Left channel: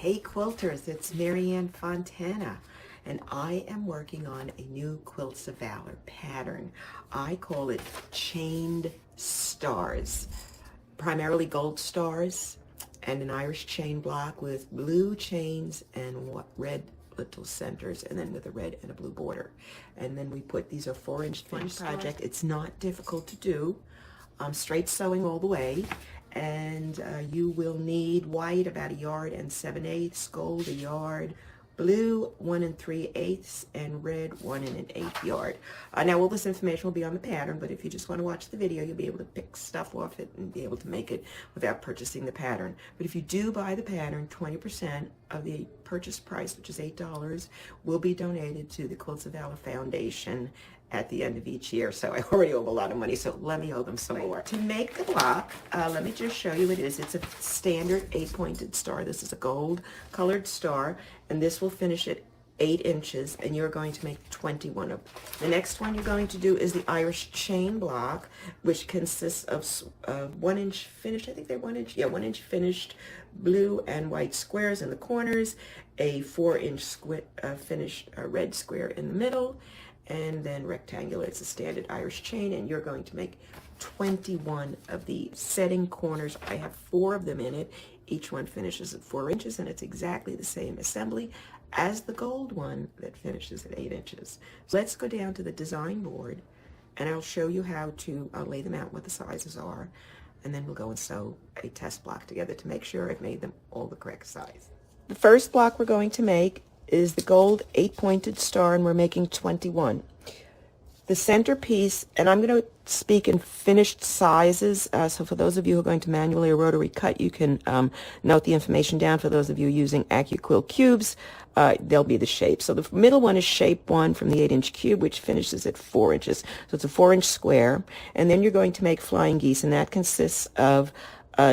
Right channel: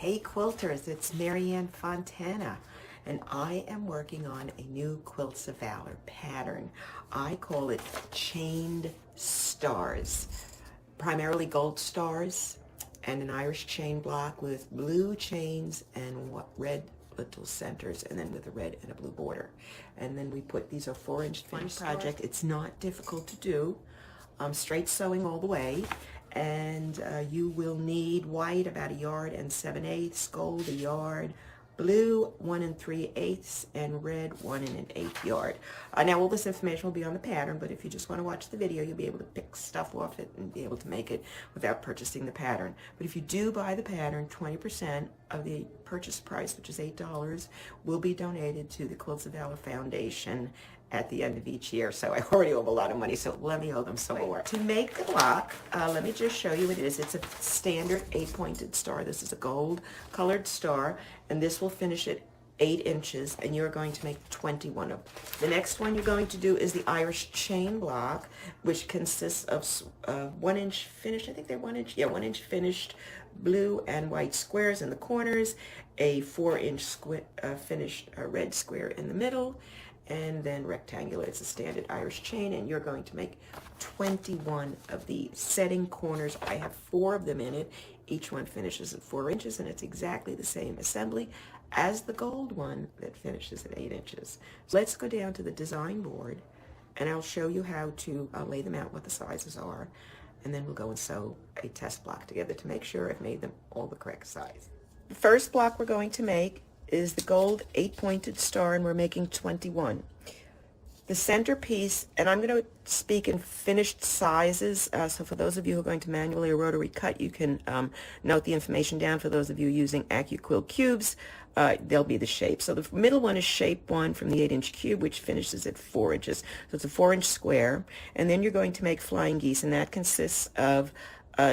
Hey quilters, it's Marianne Fontana, and I am working on a new Quilts of Valor pattern. I call it chained stars, primarily gold stars, and an Irish chain block with blue chains and red little centers, and then with a red and a blue border. And then we put, these are 4-inch project. It's not difficult to do. Straight sewing all the way. And you will need white about 1 7/8, gold 1 yard, blue 1 3/8, and red 1 1/8 yard. Now all this information will be on the pattern, but if you just want to watch the video, you'll be able to pick stuff off it and be able to make it without purchasing the pattern. But if you do buy the pattern, 20% of the purchase price, which is $8, will be donated to the Quilts of Valor Foundation at the end of each year. So I already owe a lot of money, so let me owe them some more. To make the block, let me just show you what it is. It's a standard 8-pointed star. This is a gold colored star, and this will finish at 8 inches, and you're going to make 21 of them. The next one you're going to do is the Irish chain block, which consists of 1-inch finished, I think they're 1 inch, yeah, 1-inch finished blue and white squares in the corners, a 4-inch finished red square in the middle, and then rectangular. It's a standard Irish chain, and you're going to make 21 of the setting corners. I have 4 of them in it. Each one finishes at 4 inches, and it's exactly the same assembly as the gold one that finishes at 8 inches. So let's go down to the design board, and I'll show you how to lay them out, what the sizes are, and then we'll go and sew a test block together to make sure I've made them all the correct size. The first block we're going to make is the gold 8-pointed star, and we're making 21. The centerpiece, and I'm going to speak in finished sizes, so for those of you who are going to manually or rotary cut, you can note the information down. For those of you using AccuQuilt cubes, they'll be the shape. So the middle one is shape 1 from the 8-inch cube, which finishes at 4 inches. So it's a 4-inch square, and then you're going to make flying geese, and that consists of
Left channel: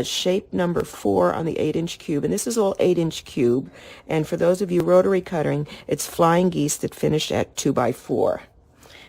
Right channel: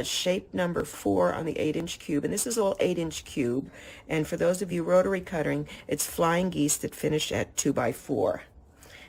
shape number 4 on the 8-inch cube, and this is all 8-inch cube. And for those of you rotary cutting, it's flying geese that finish at 2x4.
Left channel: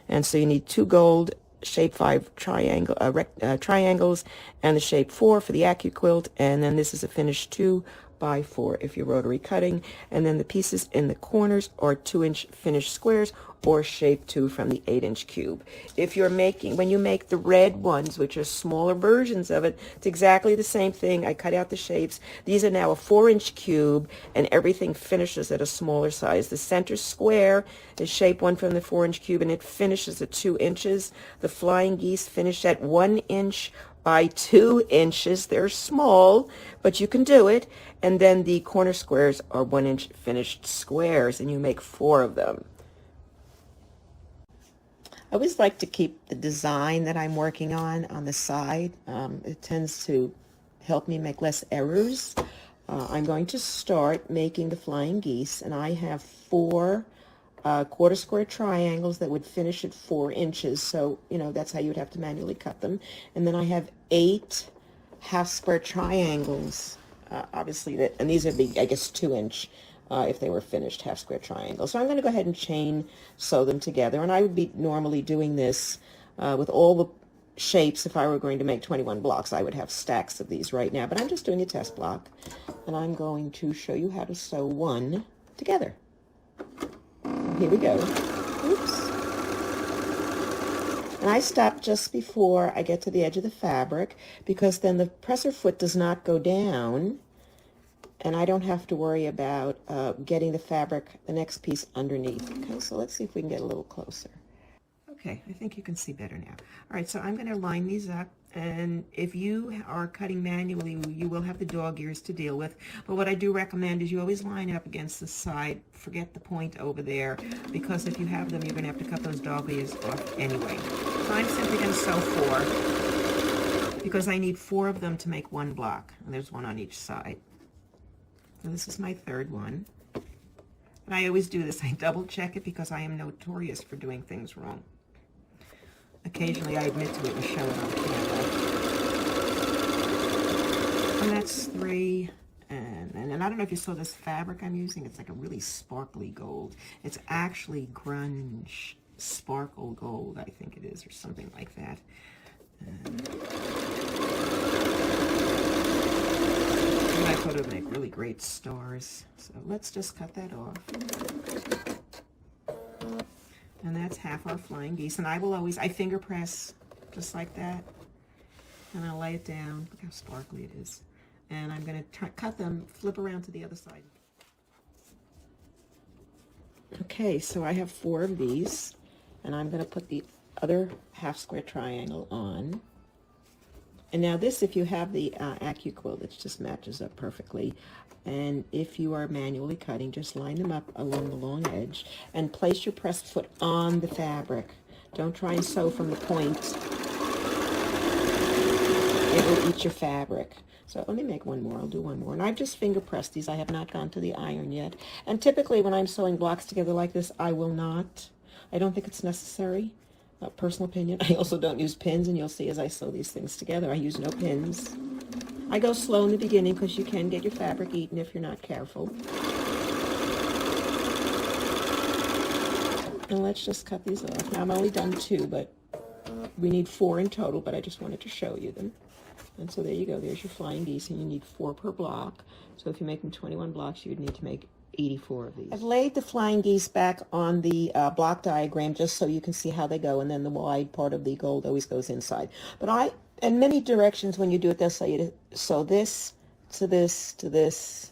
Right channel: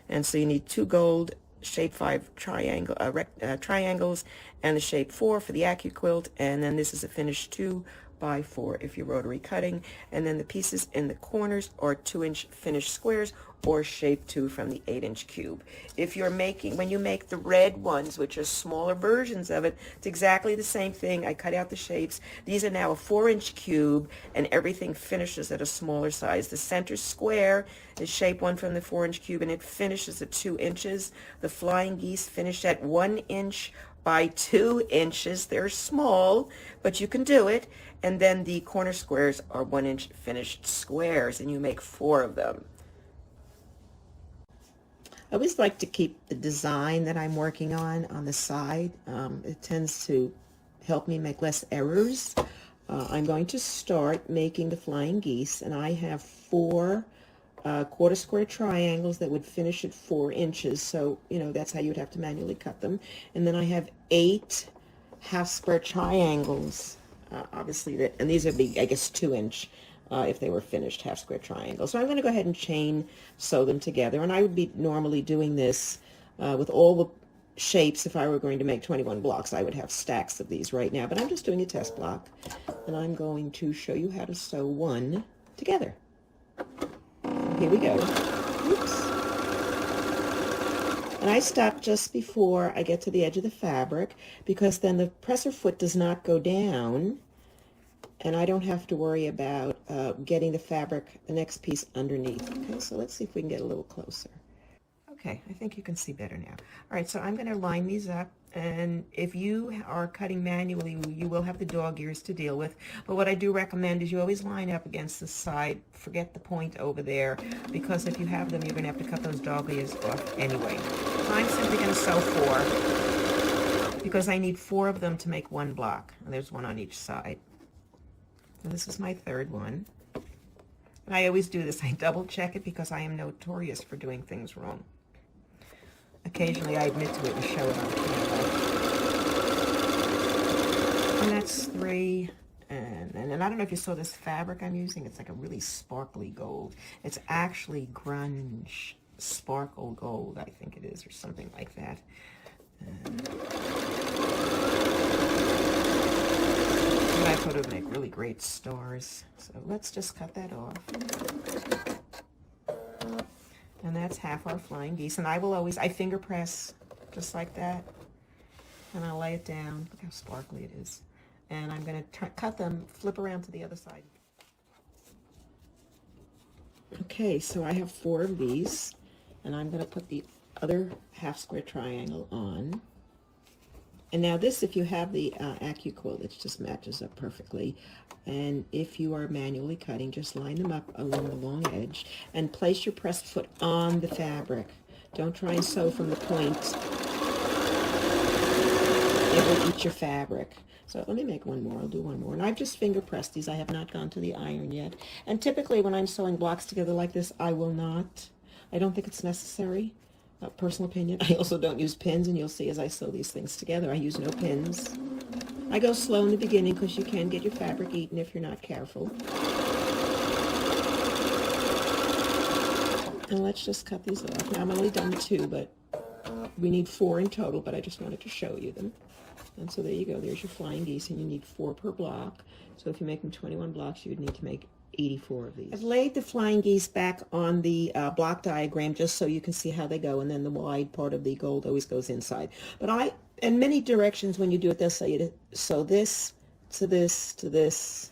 And so you need 2 gold shape 5 triangles and the shape 4 for the AccuQuilt, and then this is a finished 2x4 if you're rotary cutting, and then the pieces in the corners are 2-inch finished squares or shape 2 from the 8-inch cube. If you're making, when you make the red ones, which are smaller versions of it, it's exactly the same thing. I cut out the shapes. These are now a 4-inch cube, and everything finishes at a smaller size. The center square is shape 1 from the 4-inch cube, and it finishes at 2 inches. The flying geese finish at 1 inch by 2 inches. They're small, but you can do it. And then the corner squares are 1-inch finished squares, and you make 4 of them. I always like to keep the design that I'm working on the side. It tends to help me make less errors. I'm going to start making the flying geese, and I have 4 quarter square triangles that would finish at 4 inches. So, you know, that's how you would have to manually cut them. And then I have 8 half square triangles, obviously, and these would be, I guess, 2-inch. If they were finished half square triangles. So I'm going to go ahead and chain sew them together, and I would be normally doing this with all the shapes. If I were going to make 21 blocks, I would have stacks of these right now, but I'm just doing a test block, and I'm going to show you how to sew one together. Here we go. Oops. And I stop just before I get to the edge of the fabric, because then the presser foot does not go down, and I don't have to worry about getting the fabric, the next piece, underneath. Okay, so let's see if we can get a little closer. Okay, I think you can see better now. All right, so I'm going to line these up, and if you are cutting manually, you will have the dog ears to deal with. But what I do recommend is you always line up against the side. Forget the point over there, because if you have them, you're going to have to cut those dog ears off anyway. So I'm simply going to sew 4, because I need 4 of them to make 1 block. And there's 1 on each side. So this is my 3rd one. And I always do this. I double check it because I am notorious for doing things wrong. Occasionally I admit to it and show it on camera. And that's 3. And I don't know if you saw this fabric I'm using. It's like a really sparkly gold. It's actually grunge sparkle gold, I think it is, or something like that. And I thought it would make really great great stars. So let's just cut that off. And that's half our flying geese. And I will always, I finger press just like that. And I'll lay it down. Look how sparkly it is. And I'm going to cut them, flip around to the other side. Okay, so I have 4 of these. And I'm going to put the other half square triangle on. And now this, if you have the AccuQuilt, it just matches up perfectly. And if you are manually cutting, just line them up along the long edge and place your pressed foot on the fabric. Don't try and sew from the point. It will eat your fabric. So let me make one more. I'll do one more. And I've just finger pressed these. I have not gone to the iron yet. And typically when I'm sewing blocks together like this, I will not. I don't think it's necessary. Personal opinion. I also don't use pins, and you'll see as I sew these things together, I use no pins. I go slow in the beginning because you can get your fabric eaten if you're not careful. And let's just cut these off. Now, I'm only done 2, but we need 4 in total, but I just wanted to show you them. And so there you go. There's your flying geese, and you need 4 per block. So if you're making 21 blocks, you'd need to make 84 of these. I've laid the flying geese back on the block diagram just so you can see how they go, and then the wide part of the gold always goes inside. But in many directions when you do it, they'll say to sew this to this to this,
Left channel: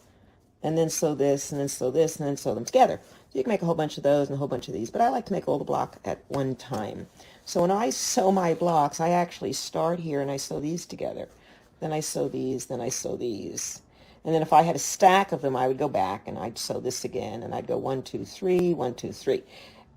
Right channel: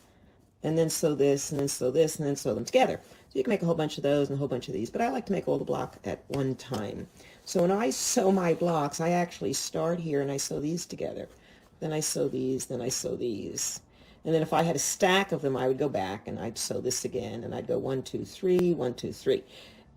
and then sew this, and then sew this, and then sew them together. So you can make a whole bunch of those and a whole bunch of these, but I like to make all the block at one time. So when I sew my blocks, I actually start here and I sew these together. Then I sew these, then I sew these. And then if I had a stack of them, I would go back and I'd sew this again, and I'd go 1, 2, 3, 1, 2, 3.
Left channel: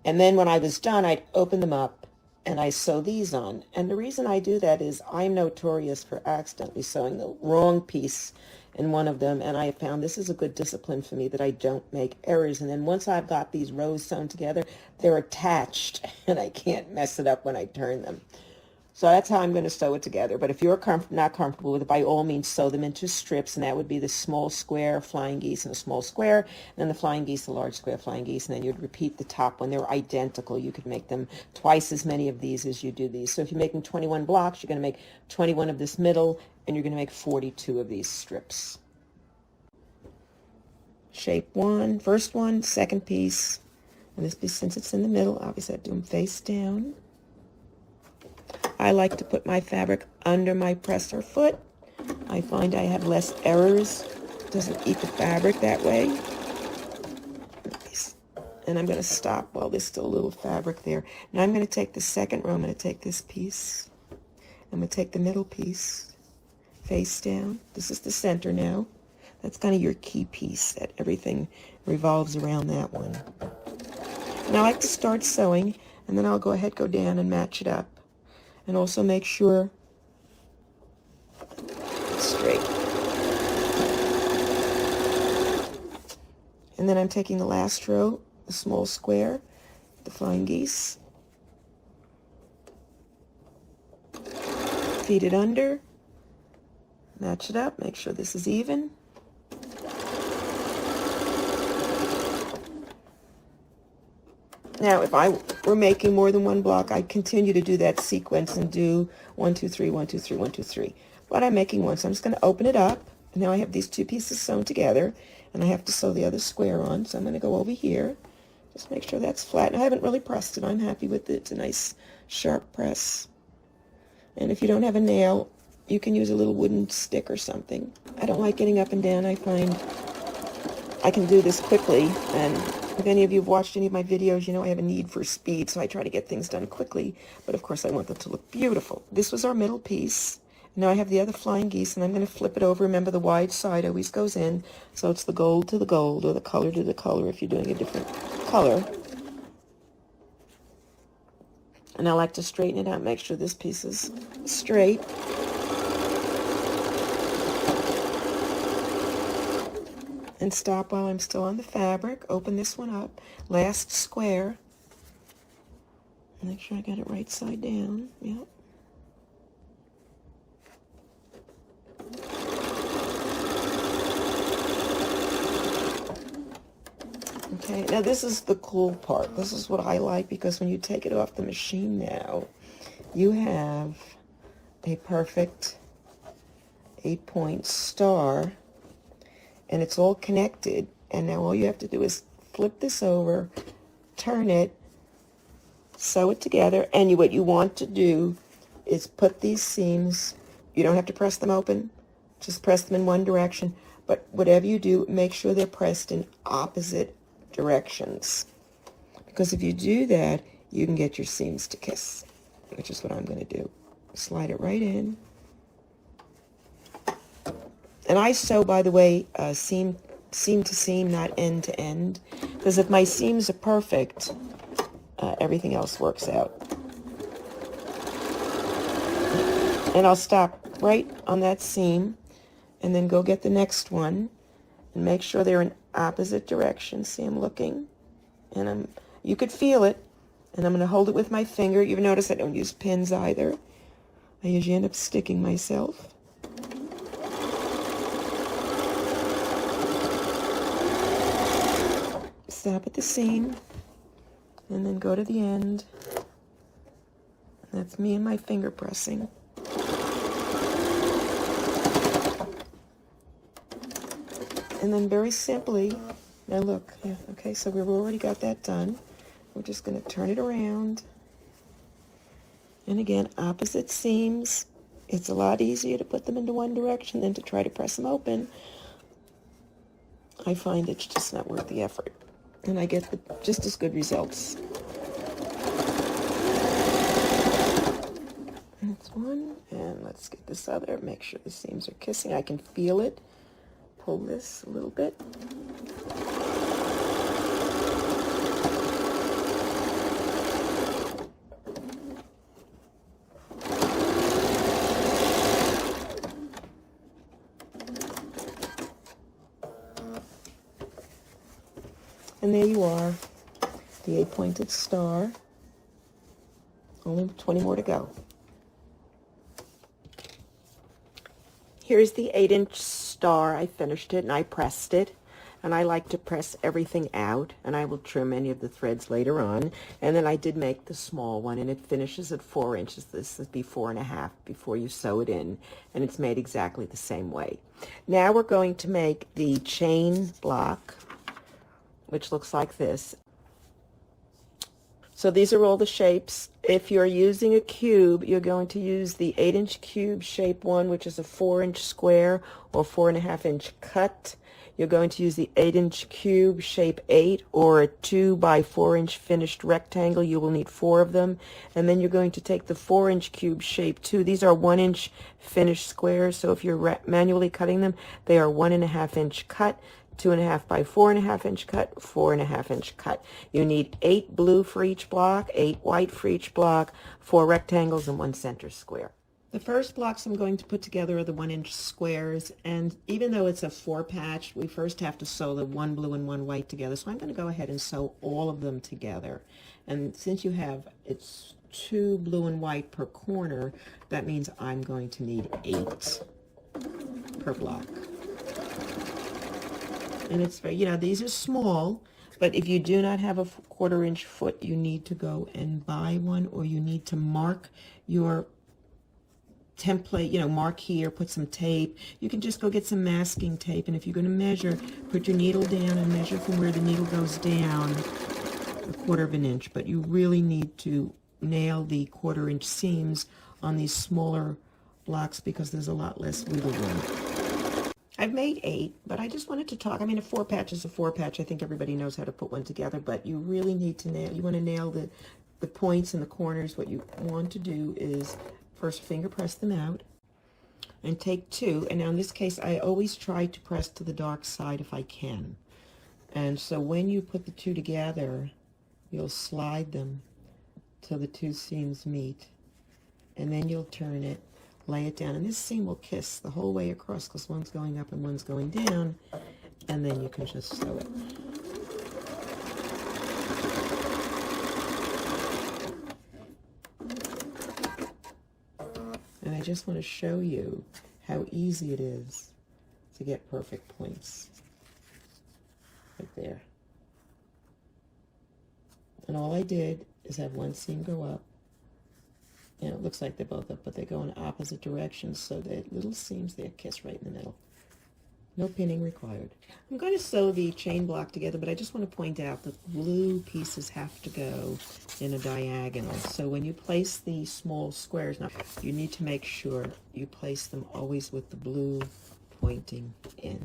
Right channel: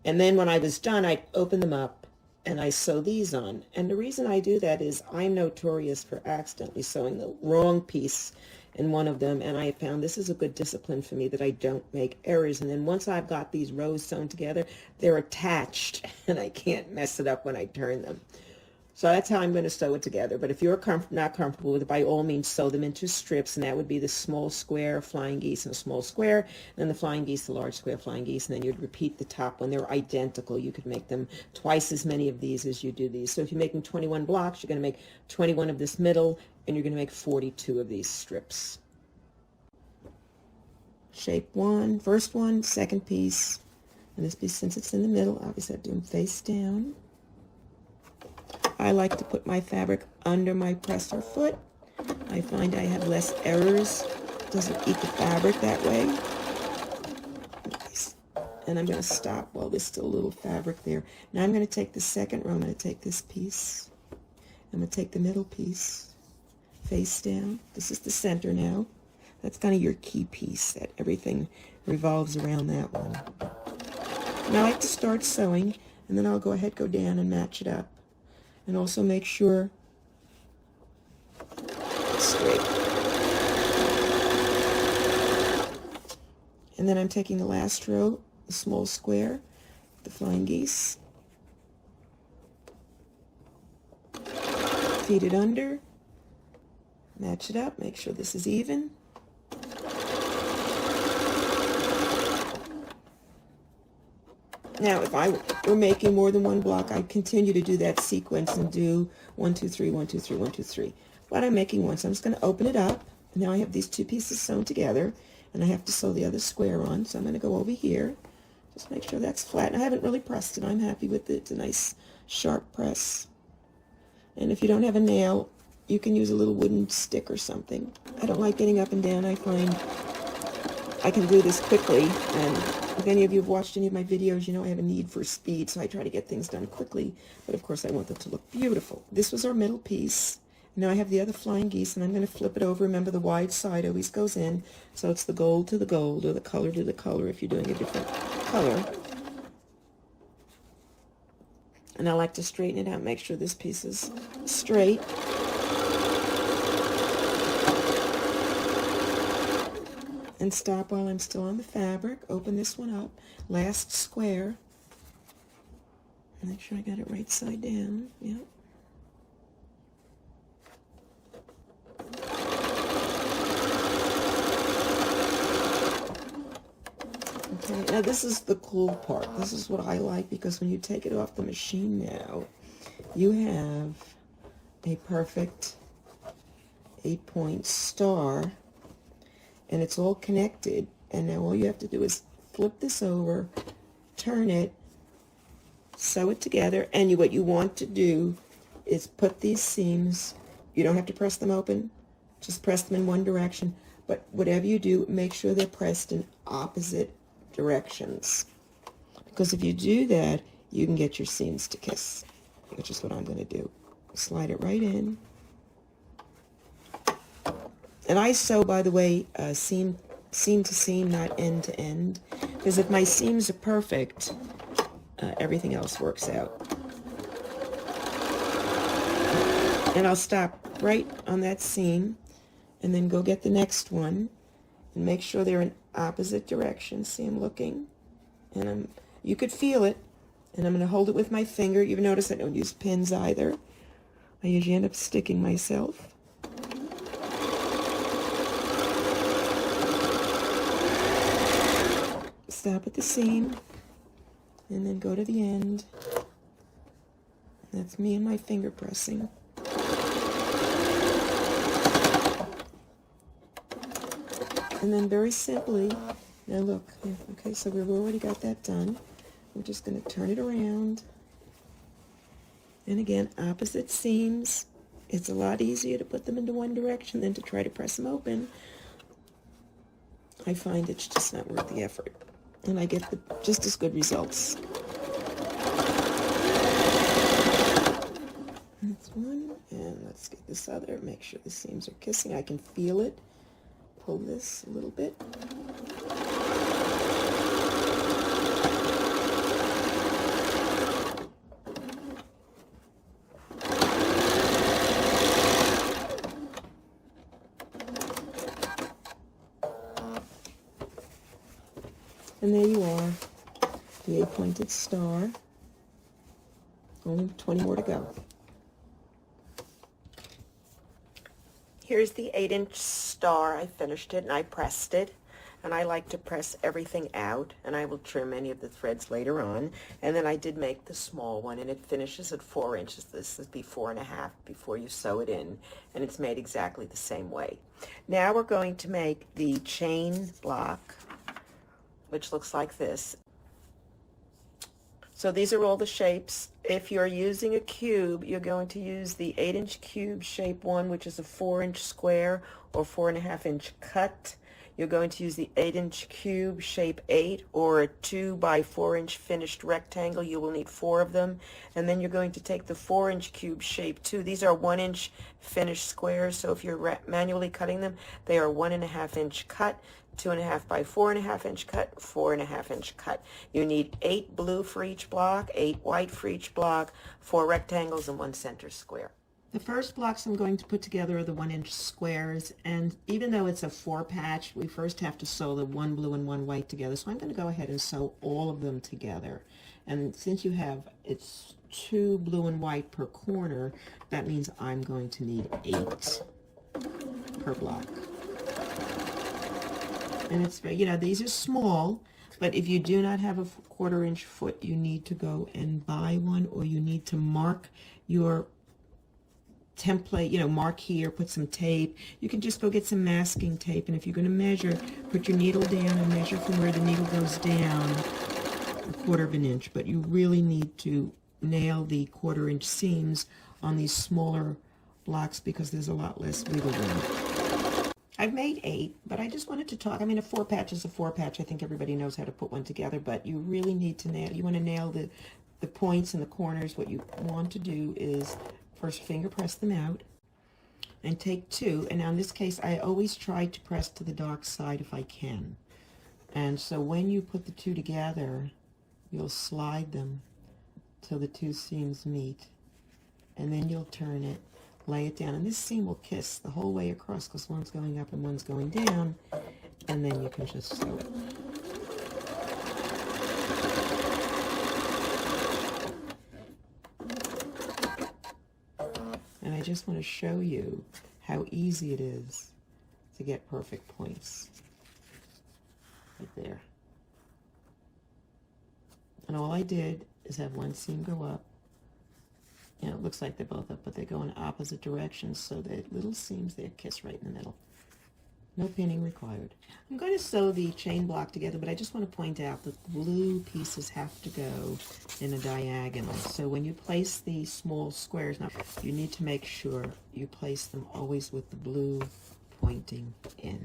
And then when I was done, I'd open them up and I sew these on. And the reason I do that is I'm notorious for accidentally sewing the wrong piece in one of them, and I found this is a good discipline for me that I don't make errors. And then once I've got these rows sewn together, they're attached, and I can't mess it up when I turn them. So that's how I'm going to sew it together. But if you're not comfortable with it, by all means, sew them into strips, and that would be the small square flying geese and a small square, and then the flying geese, the large square flying geese, and then you'd repeat the top when they're identical. You could make them twice as many of these as you do these. So if you're making 21 blocks, you're going to make 21 of this middle, and you're going to make 42 of these strips. Shape 1, first one, second piece, and this piece, since it's in the middle, obviously I do them face down. I like to put my fabric under my presser foot. I find I have less errors. It doesn't eat the fabric that way. And I'm going to stop while there's still a little fabric there. Now I'm going to take the second row. I'm going to take this piece. I'm going to take the middle piece face down. This is the center now. That's kind of your key piece that everything revolves around that one. And I like to start sewing, and then I'll go down and match it up. And also make sure it's straight. And then I'm taking the last row, the small square, the flying geese, feed it under, match it up, make sure this is even. Now, if I were making more than one block, I'd continue to do that sequence and do 1, 2, 3, 1, 2, 3, 1, 2, 3. But I'm making one, so I'm just going to open it up. And now I have these 2 pieces sewn together, and I have to sew the other square on. So I'm going to go over here, just make sure that's flat. And I haven't really pressed it. I'm happy with it. It's a nice sharp press. And if you don't have a nail, you can use a little wooden stick or something. I don't like getting up and down. I find I can do this quickly, and if any of you have watched any of my videos, you know I have a need for speed, so I try to get things done quickly, but of course I want them to look beautiful. This was our middle piece. Now I have the other flying geese, and I'm going to flip it over. Remember, the wide side always goes in, so it's the gold to the gold, or the color to the color if you're doing a different color. And I like to straighten it out, make sure this piece is straight. And stop while I'm still on the fabric. Open this one up. Last square. Make sure I got it right side down. Yep. Okay, now this is the cool part. This is what I like, because when you take it off the machine now, you have a perfect 8-point star. and it's all connected. And now all you have to do is flip this over, turn it, sew it together, and what you want to do is put these seams, you don't have to press them open, just press them in one direction, but whatever you do, make sure they're pressed in opposite directions, because if you do that, you can get your seams to kiss, which is what I'm going to do. Slide it right in. And I sew, by the way, seam to seam, not end to end, because if my seams are perfect, everything else works out. And I'll stop right on that seam and then go get the next one and make sure they're in opposite directions. See, I'm looking, and you could feel it, and I'm going to hold it with my finger. You've noticed I don't use pins either. I usually end up sticking myself. Stop at the seam and then go to the end. That's me and my finger pressing. And then very simply, now look, okay, so we've already got that done. We're just going to turn it around. And again, opposite seams. It's a lot easier to put them into one direction than to try to press them open. I find it's just not worth the effort. And I get just as good results. That's one. And let's get this other. Make sure the seams are kissing. I can feel it. Pull this a little bit. And there you are, the 8-pointed star. Only 20 more to go. Here's the 8-inch star. I finished it and I pressed it. And I like to press everything out, and I will trim any of the threads later on. And then I did make the small one, and it finishes at 4 inches. This would be 4.5 before you sew it in, and it's made exactly the same way. Now we're going to make the chain block, which looks like this. So these are all the shapes. If you're using a cube, you're going to use the 8-inch cube shape one, which is a 4-inch square or 4.5-inch cut. You're going to use the 8-inch cube shape 8 or a 2 by 4-inch finished rectangle. You will need 4 of them. And then you're going to take the 4-inch cube shape 2. These are 1-inch finished squares. So if you're manually cutting them, they are 1.5-inch cut. 2.5 by 4.5-inch cut, 4.5-inch cut. You need 8 blue for each block, 8 white for each block, 4 rectangles, and 1 center square. The first blocks I'm going to put together are the 1-inch squares, and even though it's a 4-patch, we first have to sew the 1 blue and 1 white together. So I'm going to go ahead and sew all of them together. And since you have, it's 2 blue and white per corner, that means I'm going to need 8 per block. And it's very, these are small, but if you do not have a 1/4-inch foot, you need to go and buy one, or you need to mark your template, mark here, put some tape. You can just go get some masking tape, and if you're going to measure, put your needle down and measure from where the needle goes down 1/4 inch, but you really need to nail the 1/4-inch seams on these smaller blocks because there's a lot less wiggle room. I've made 8, but I just wanted to talk. I mean, a 4-patch is a 4-patch. I think everybody knows how to put one together, but you really need to nail, you want to nail the points and the corners. What you want to do is first finger press them out and take 2. And now in this case, I always try to press to the dark side if I can. And so when you put the 2 together, you'll slide them till the 2 seams meet. And then you'll turn it, lay it down, and this seam will kiss the whole way across because one's going up and one's going down, and then you can just sew it. And I just want to show you how easy it is to get perfect points. Right there. And all I did is have one seam go up. And it looks like they're both up, but they go in opposite directions, so the little seams, they kiss right in the middle. No pinning required. I'm going to sew the chain block together, but I just want to point out that the blue pieces have to go in a diagonal. So when you place the small squares, now you need to make sure you place them always with the blue pointing in.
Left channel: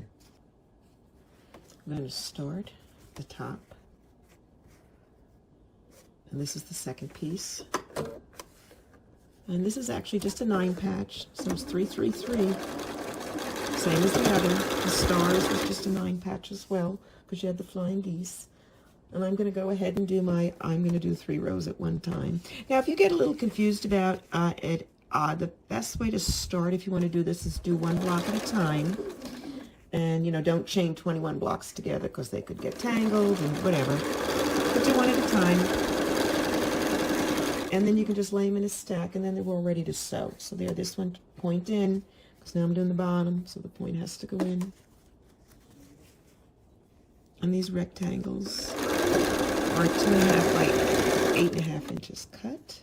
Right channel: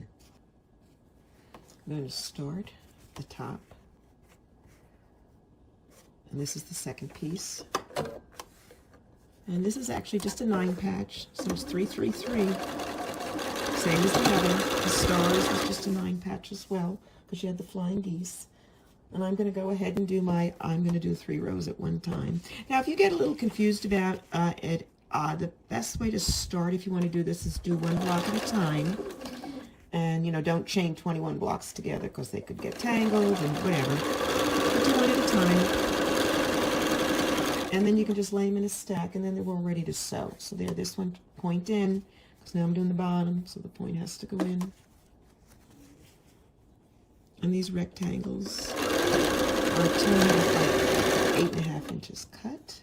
I'm going to start at the top. And this is the second piece. And this is actually just a 9 patch, so it's 3, 3, 3. Same as the other. The stars was just a 9 patch as well, because you had the flying geese. And I'm going to go ahead and do I'm going to do 3 rows at one time. Now, if you get a little confused about it, the best way to start, if you want to do this, is do 1 block at a time. And, you know, don't chain 21 blocks together, because they could get tangled and whatever. Do 1 at a time. And then you can just lay them in a stack, and then they're all ready to sew. So there, this one point in, because now I'm doing the bottom, so the point has to go in. And these rectangles are 8.5 inches cut.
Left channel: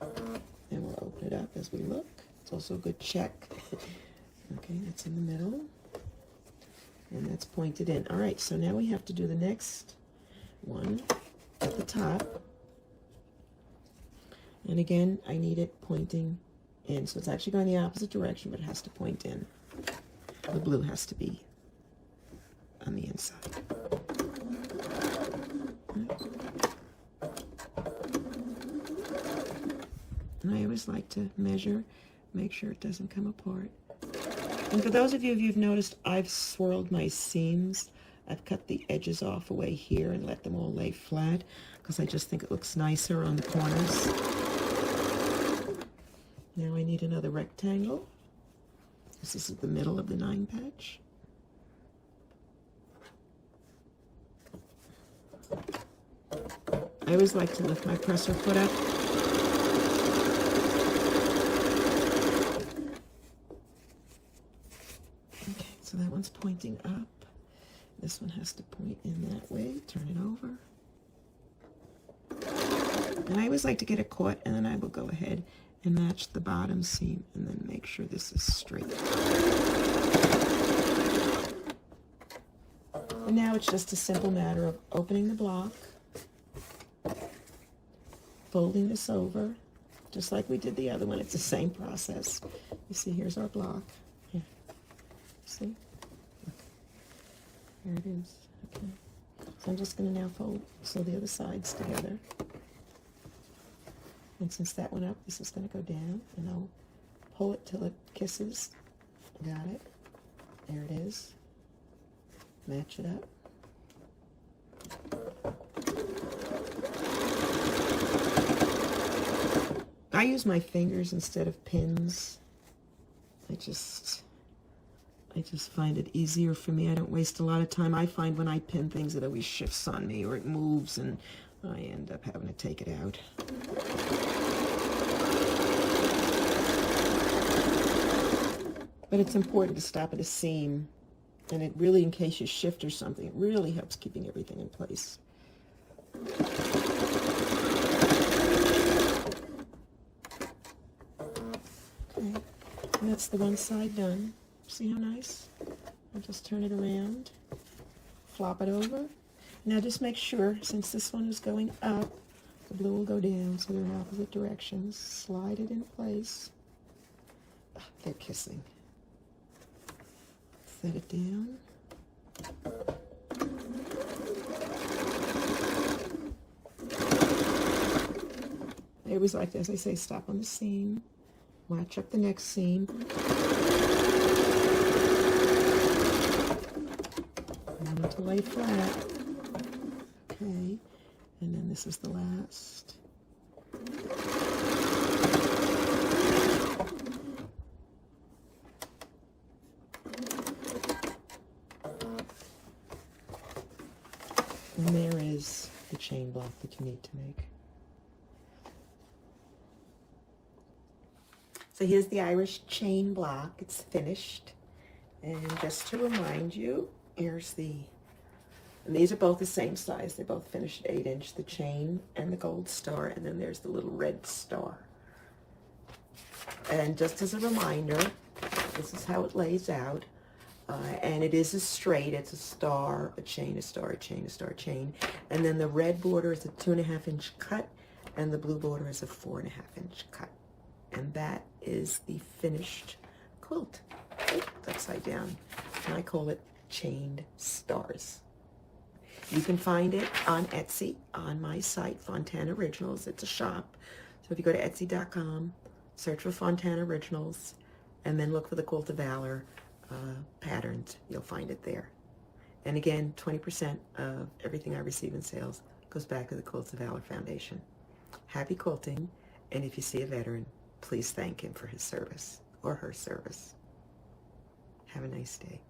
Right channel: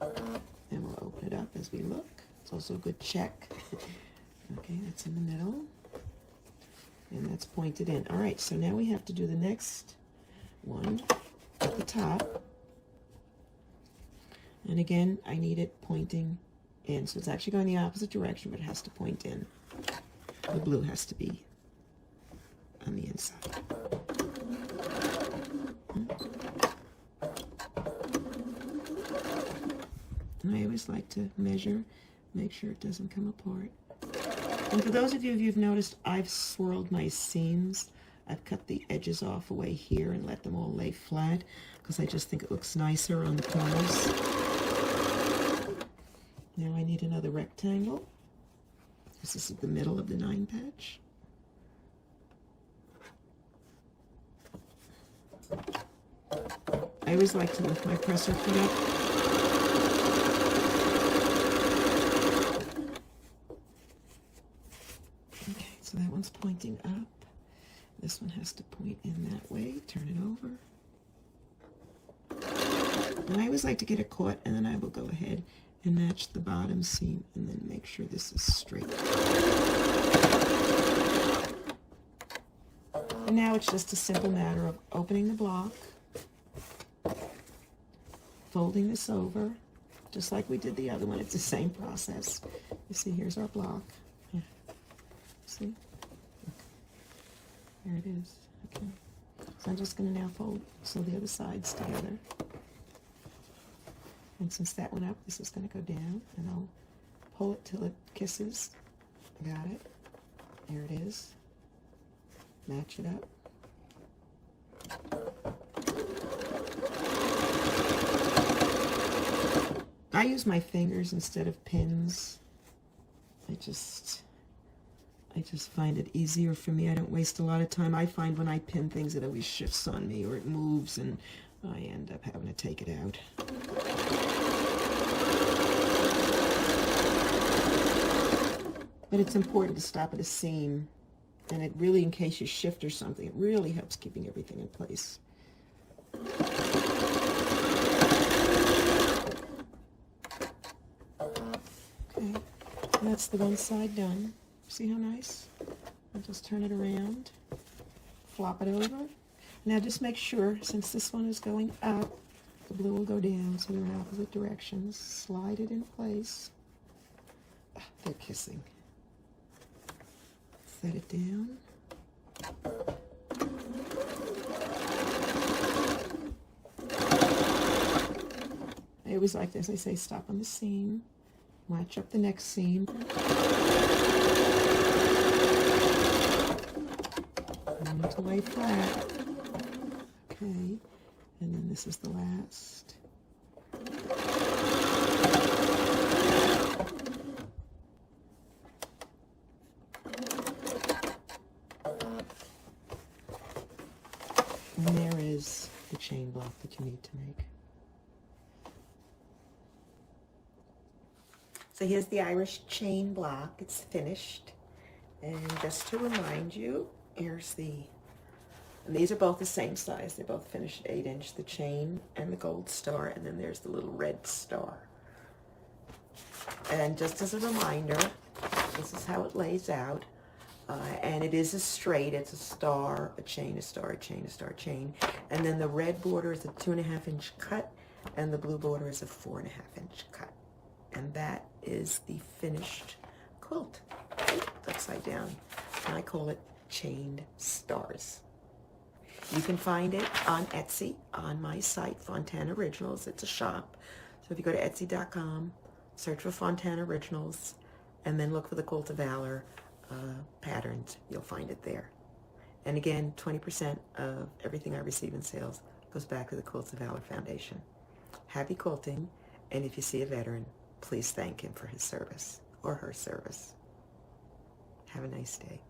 And we'll open it up as we look. It's also a good check. Okay, that's in the middle. And that's pointed in. All right, so now we have to do the next one at the top. And again, I need it pointing in. So it's actually going the opposite direction, but it has to point in. The blue has to be on the inside. And I always like to measure, make sure it doesn't come apart. And for those of you who've noticed, I've swirled my seams. I've cut the edges off away here and let them all lay flat, because I just think it looks nicer on the corners. Now I need another rectangle. This is the middle of the 9 patch. I always like to lift my presser foot up. Okay, so that one's pointing up. This one has to point in that way. Turn it over. And I always like to get it caught, and then I will go ahead and match the bottom seam, and then make sure this is straight. And now it's just a simple matter of opening the block, folding this over, just like we did the other one. It's the same process. You see, here's our block. Yeah. See? There it is. Okay. So I'm just going to now sew the other sides together. And since that one up, this is going to go down, and I'll pull it till it kisses. Got it. There it is. Match it up. I use my fingers instead of pins. I just find it easier for me. I don't waste a lot of time. I find when I pin things, it always shifts on me, or it moves, and I end up having to take it out. But it's important to stop at a seam, and it really, in case you shift or something, it really helps keeping everything in place. Okay, that's the one side done. See how nice? I'll just turn it around, flop it over. Now just make sure, since this one is going up, the blue will go down, so they're in opposite directions. Slide it in place. They're kissing. Set it down. I always like to, as I say, stop on the seam, match up the next seam. To lay flat. Okay, and then this is the last. And there is the chain block that you need to make. So here's the Irish chain block. It's finished. And just to remind you, here's and these are both the same size. They both finished 8-inch, the chain and the gold star, and then there's the little red star. And just as a reminder, this this is how it lays out. And it is a straight, it's a star, a chain, a star, a chain, a star, a chain. And then the red border is a 2.5-inch cut, and the blue border is a 4.5-inch cut. And that is the finished quilt. It's upside down. I call it Chained Stars. You can find it on Etsy, on my site, Fontana Originals. It's a shop. So if you go to Etsy.com, search for Fontana Originals, and then look for the Quilts of Valor patterns. You'll find it there. And again, 20% of everything I receive in sales goes back to the Quilts of Valor Foundation. Happy quilting, and if you see a veteran, please thank him for his service or her service. Have a nice day.